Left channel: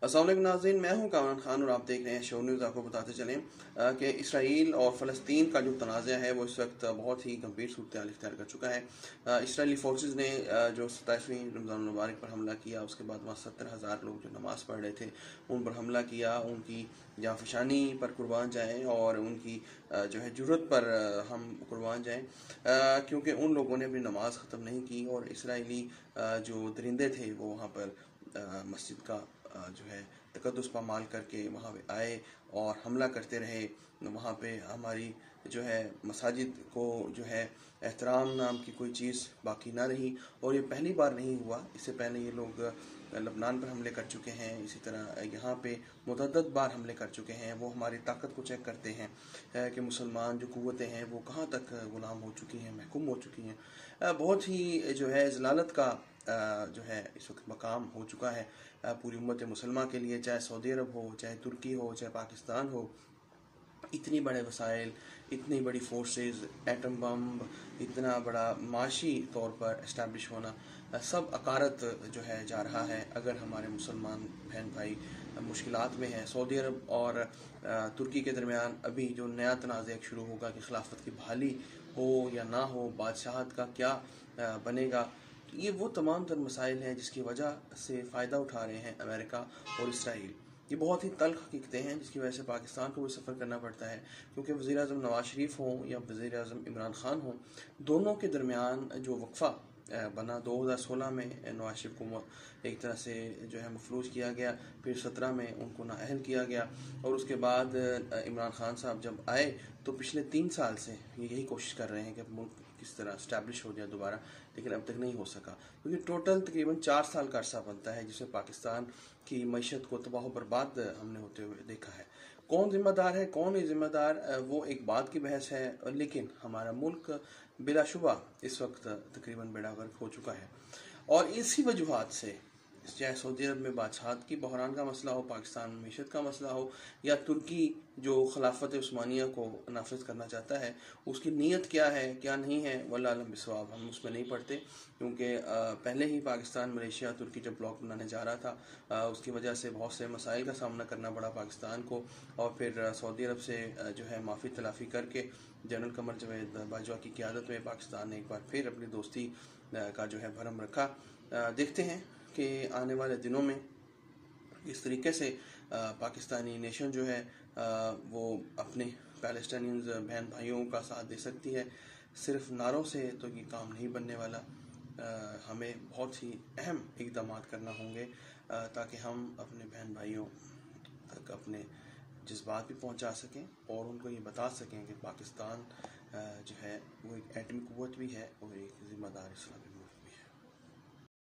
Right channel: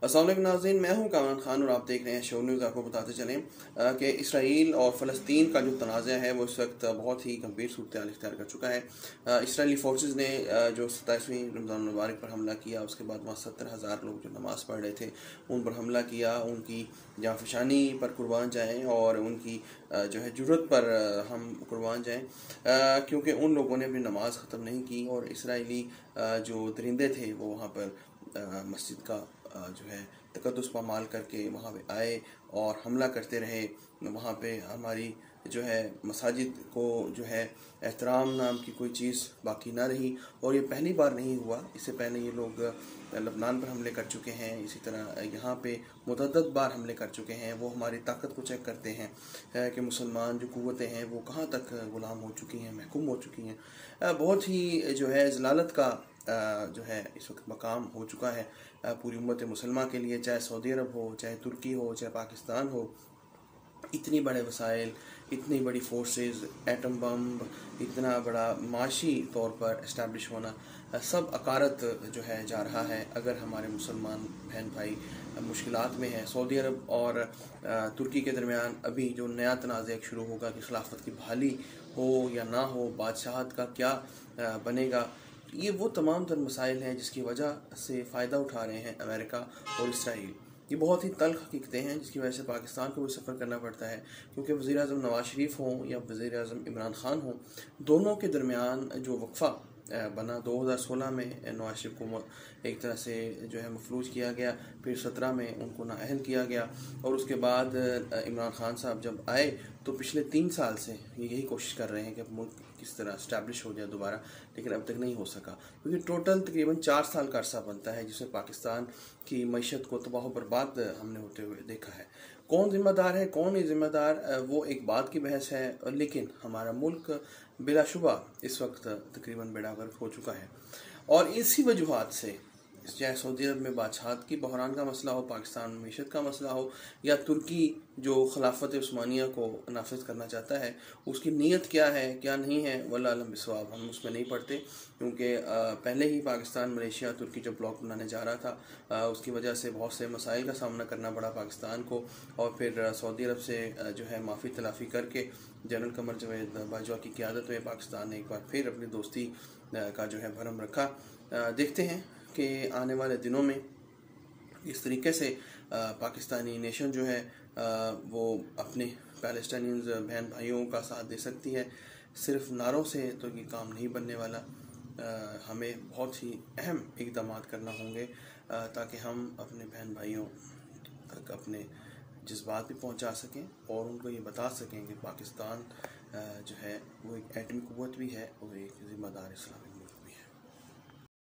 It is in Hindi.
अस्सलाम वालेकुम नाज़रीन, मैं हूं कामरान खान और आप देख रहे हैं शो न्यूज़। आपको बताते चलें कि इसराइल और फ़लस्तीन का जो तनाज़ा है वो इस वक्त बहुत ही गंभीर सूरत हाल इख्तियार कर चुका है। इसराइली फोर्सेस ने जो 27वीं रमज़ान मुबारक पर हमला किया, उसके बाद वहाँ 70,000 लोग जो नमाज़ पढ़ रहे थे उन पर हमला किया। उनकी जाफशानी पर कुर्बान जाएँ और उनकी जो है जुर्रत पर हम कुर्बान जाएँ, क्योंकि उन लोगों ने अपनी नमाज ख़त्म नहीं की और इसराइली जो दरिंदे थे वो वहाँ पर मस्जिद का जो है तकद्दुस पामाल करके वहाँ पे आए और हमला करते रहे। वहाँ पे हमारी जो है मसाजिद को जो है एहतराम नाम की कोई चीज़ बाकी ना रही। और ये पहली बार नहीं हुआ, इससे पहले ये लोग लबनान पर हमले कर चुके हैं, इसी तरह यहाँ पे मुतअद्दिद बार हमले कर चुके हैं। वो हमारी ताकत को चेक करते हैं कि मुसलमान जो कुव्वतें हैं वो कहाँ तक गुलाम हो चुकी हैं, महकूम हो चुकी हैं। बहुत ही जो है ज़लालत का जो है इस वक्त मकाम हो चुका है पूरी उम्मत मुसलमान के लिए, चाहे सऊदी अरब हो, चाहे तुर्की हो, चाहे पाकिस्तान हो। इतनी बड़े वसाइल, इतनी बड़ी फोर्सेस, एटम बम, इतना बड़ा माशी तौर पर इस्टेब्लिश होना, सब अकारत जो है जा रहा है। अगर हमारे मुसलमान बहन भाई मुश्किलात में हैं, सऊदी अरब और तुर्की के दरमियान अभी जो नया तनाज़ा शुरू होगा कि खिलाफत की बहाली हो या ना हो, बादशाहत का क्या बनेगा, ये वो तमाम तर मसाइल हैं जिसकी वजह से फ़ायदा उठा रहे हैं अमेरिका और इसराइल। ये बहुत ही तल्ख हकीकतें हैं जिसकी वजह से पाकिस्तान को भी सफ़र करना पड़ता है, क्योंकि वज़ीर-ए-आज़म नवाज शरीफ हों या वज़ीर-ए-आज़म इमरान खान हों, दोनों के दरमियान जो वक्फ़ा बना 2016 में नवाज शरीफ को एक तरह से जो है मफलूज किया गया, फिर 17 में उनको नाअहल किया गया और उसके बाद इमरान खान साहब जब आए तो पिछले 3 साल से ये यही कोशिश कर रहे हैं कि मुल्क किस तरह इस्टेब्लिश हो जाए दोबारा, लेकिन अब तक नहीं हो सका, क्योंकि टोटल तकरीबन 4 साल का अरसा बनता है जिसमें पाकिस्तान की मईशत को तबाह बर्बाद हमने होते हुए देखा है। कौन जिम्मेदार है, कौन नहीं जिम्मेदार, वो एक बात की बहस है, लेकिन हमारा मुल्क बिलाशुबा इस वक्त तकरीबन बेड़ा गर्क हो चुका है। और इसी वजूहात से चाहे सऊदी अरब में बादशाहत की बहरान का मसला हो, पाकिस्तान में मीशत का मसला हो, या तुर्की जो खिलाफत उस्मानिया को नाफिज करना चाहता है, उसकी नीयत क्या है क्या नहीं है वल्लाह आलम बिस्वाब, हम उसमें नहीं पढ़ते। क्योंकि पहले ही पाकिस्तान मलेशिया तुर्की जो ब्लॉक बनाने जा रहा था, उसकी वजह से बहुत से मसाइल का सामना करना पड़ा पाकिस्तान को। और फिर सऊदी अरब से जो है माफ़ी तलाफ़ी करके जनरल कमर जवेद बाजवा की क़यादत में पाकिस्तान ने एक बार फिर अपनी दोस्ती का जो है भरम रखा। देखते हैं कि आने वाले दिनों में इस तरीके से पाकिस्तानी नेशन जो है वो अपने पैलेस्टाइनियंस बहन भाइयों का साथ दे सकती है। सिर्फ नारों से तो ये काम नहीं बनने वाला, हमें बहुत ही अहम इक़दाम करना होंगे ताकि हम अपने बहन भाइयों तक अपने जज्बात भी पहुंचा सकें और उनको ये बता सकें कि पाकिस्तान जो है वो एक एटमी कुव्वत भी है और एक ज़िम्मेदार इस्लामी